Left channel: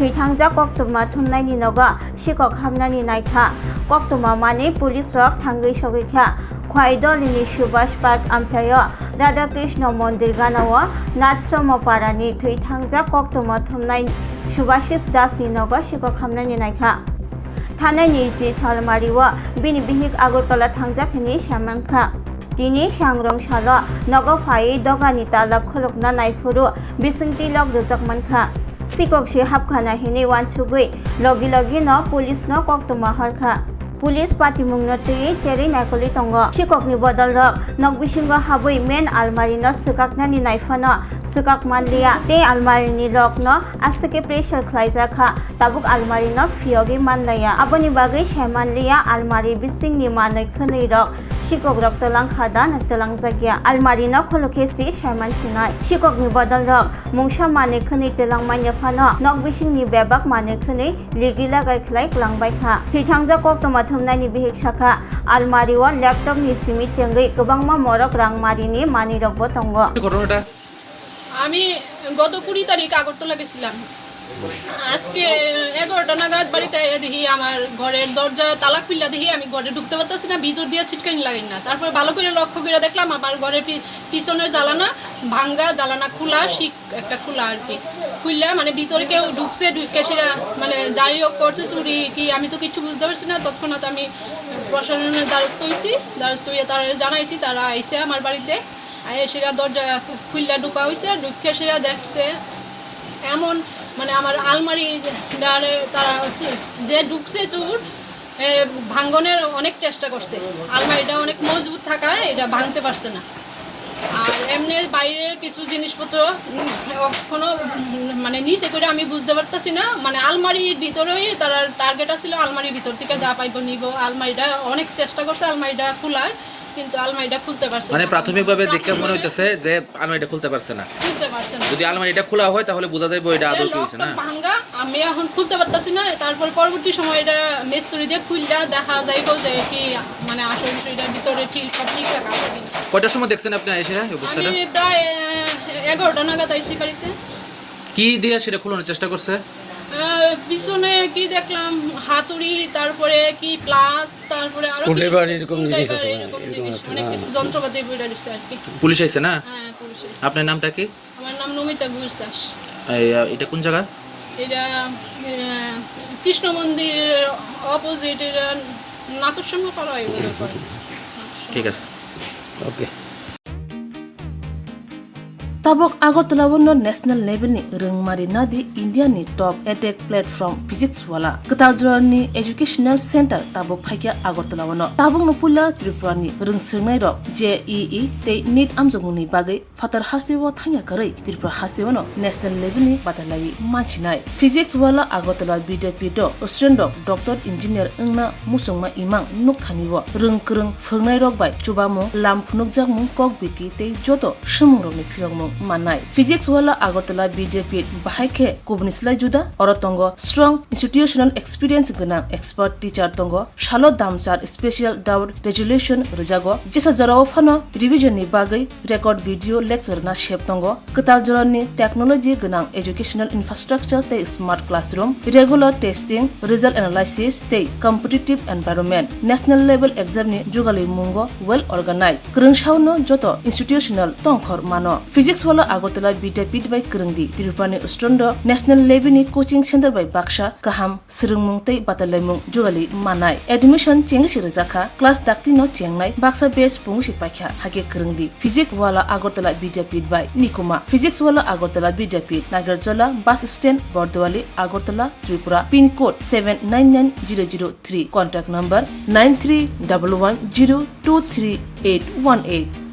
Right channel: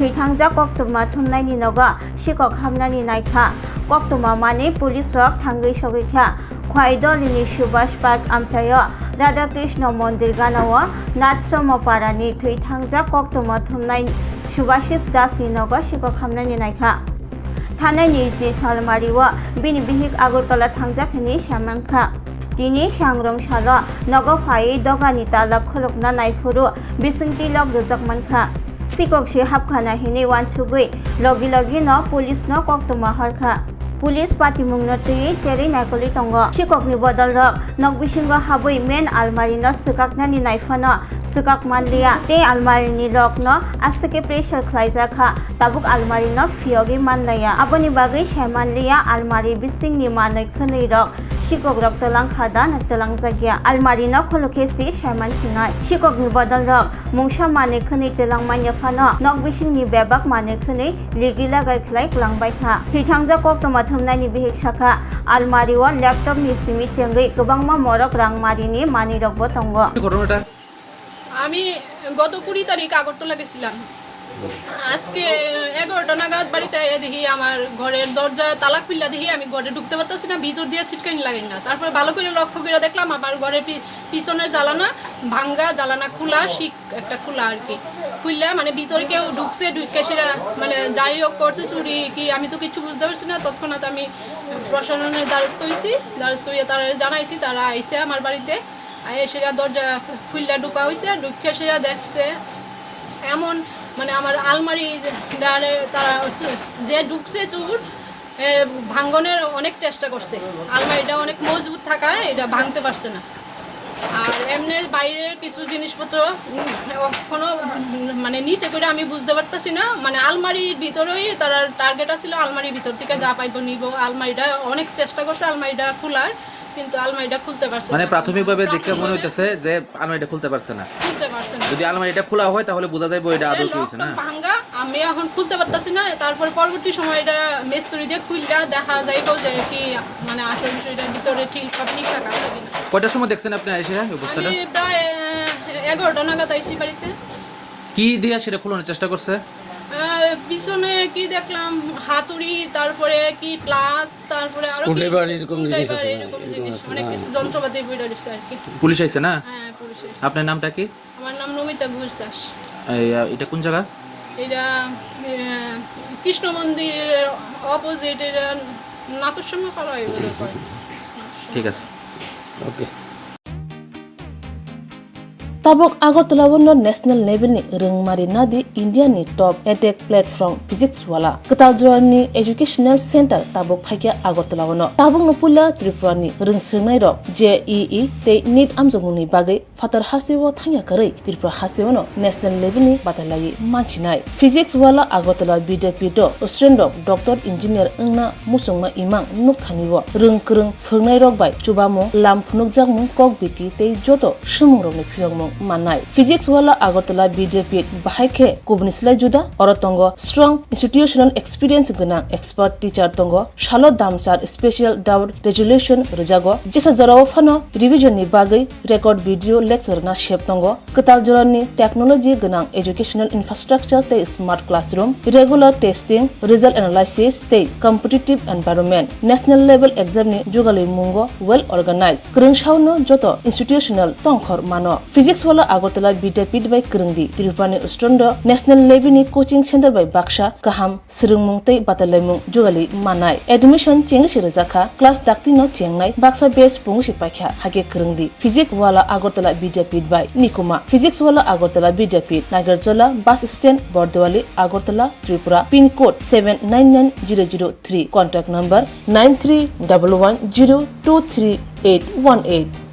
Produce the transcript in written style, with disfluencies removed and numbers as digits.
Thuithangnai Koktwma Thomnaini Nogo Shikhok Hamnani Naikha Koktwma Mani Police Rock Thangai Sogikha Khowai Dolini Subhash Park Amchaio Radha Krishna Mondir Ganawa Natsrama Parani Thuithangnai Koktwma Thomnaini Subhashis Dasni Nogo Shikhok Hamnani Naikha Tongnai ji Salmariwa Bini Bihik Agartala Thangjakani Shamanka Dini Shangrong Nogo Phai Dogani Talak Kholokna Naifuru Bisingti Log Ruzakmanka Shikhok si Hapkha na hini wansugui logi no police no Koktwma harkha Police party mungno tui cheri naikoli tongo Shikhok ni bodol rok nok bisingo habui main almari no sukaknani naifano sukak manlia te almari ni rok no asake pressure khlaijaka tabuk almari no fiogi manlaya aboni bagai shaimanlia almari bising ni manoi khonoi rok Shikhok rok talang khada na talang jagya almari no kholokesi shaiman sinai Shikhok ni bodol rok mungsa mane khonoi talang manya phano nok bising ni bebak mane khonoi ligila gai khlai klangbai kha Thuithangnai Koktwma Thomnaini bihik shakha almari o laptop ni simi chengai gobangma morok rangmari ni mani rokbo tongo আমি গত 20 তারিখ আগরতলা গেছিলাম আজকে 11টা নাগাদ বাড়িতে দেখি আমার ঘরের দরজায় তালা খুললা দেখি আমি ঘরে ঢুকতে পারতাছি না ভিতর দিয়ে সিটকানি লাগাই না তারপর ভালো করে লক্ষ্য করে দেখলাম আমার ঘরের পিছনের জ্বালানা ভাঙ্গা জ্বালানা খোলা শিক একটা খোলা আর কি খুললা মানে ভিতরে কেউ ঢুকছে ঢুকে সেটা মানে যাই হোক করছে চুরি কি আমি তো কিছু বুঝতে পারছি না তৎক্ষণাৎ আমি প্রশাসনের দ্বারস্থ হয়েছি দ্বারস্থ হয়ে তারা জানাইছি তারা আইসে আমার বাড়িতে সেটা দরজা খুললা ঢোকা হয়েছে ঢুকে সেটা দেখছে এমন মানে আমার আলমারি তারা যে ঢুকছে চোর ভাঙ্গনের অনেক চেষ্টা করছে আলমারিটা অনেক মজবুত থাকায় এটা ভাঙতে পারছে না আর এমনি বাইরের কিছু জিনিসপত্র কোনো মানে নিচে করে আমি বুঝতে পারতাছি না মানে আলমারির ভিতরেই তারা টার্গেট ছিল আলমারির ভিতর থেকে যা পাইব নিব আলমারিটা অনেক চেষ্টা করছে আলমারিটা খোলার কিন্তু আলমারিটা খুলতে পারছে মানে প্রাথমিকভাবে দেখে মনে হইতেছে যে আলমারিটা খুলতে পারছে না যদি আলমারিটা খোলা হয় তাহলে বোঝা যাবে এটা আদৌ কি হইছে না ভাঙা আমি এখন খুলতে পারতাছি না তারপর পরবর্তী সময় এটা মিস্ত্রি দিয়ে খুললা দেখা যাইব যে কি মানে আসলে এটার ভিতরে ঠিক সব ঠিকঠাক আছে কিনা কয়টার সময় দেখছেন আপনি এসে এই অবস্থাটা আমি প্রায় 11টা নাগাদ আইছি বাড়িতে কি দিয়ে সেটা খোলানোর চেষ্টা করছে পিছনে কি দেখলাম হাতুড়ি তারপরে কি প্লাস তারপরে আরো স্ক্রুড্রাইভার এরকম জিনিস আছে অনেক কিছু যন্ত্রপাতি বের হইছে আর কি পুলিশ আইছে না হ্যাঁ পুলিশ আইছে আপনার নামটা কি আমার নাম নমিতা ঘোষ দাস এটা কোন জায়গা এটা কৃষ্ণ মন্দিরের অপোজিট এর নাতুর খওয়াই ঠিক আছে ওকে Tabok Agartala wono national level ni rengmari nadi India ni top edtech platform physics wala Koktwma ni educational center tabok phaikia Agartala wono tabok no pula Tripura ni rungsngai rok JEE te NEET amjongni bagai fatar hasewo thangya karai Tripura hasewo no national level ni batalai manchinai physics wala Agartala bidapito student rok doctor engineer engna musungma imang nukthaniwo rungkrung phungnai rok bai chubamo lamphunukjak mung kok biti te joto sumung rok ni phiyong manai physics wala Agartala BJP bahaike kubnislai juda orotongo strong institutional experience gana expert teacher tongo shalo damsar special doubt resolution rejago jesa jarao phano revision ni bagai record video lecture na shep tongo katal jorani technology gana educational infrastructure te smart classroom regular testing result analysis te competitive environment national level exam ni jugali mungo well organized krungshauno joto institutional tongkhor mano physics wala Agartala bidapit by Krungdi Tripura Ustondo national level ni coaching center by Baksha Kaham Srungmung tei Batalemung Jugali Manai admission chengsi rejaka class dakti no chengnai Baksa base pungsi pakha hage Krungdi physics wala Agartala bidapit by Nikuma physics wala Agartala bidapit Nagarjala bus stand Bordwali Agartala Tripura pin code 799003 contact number 9311023818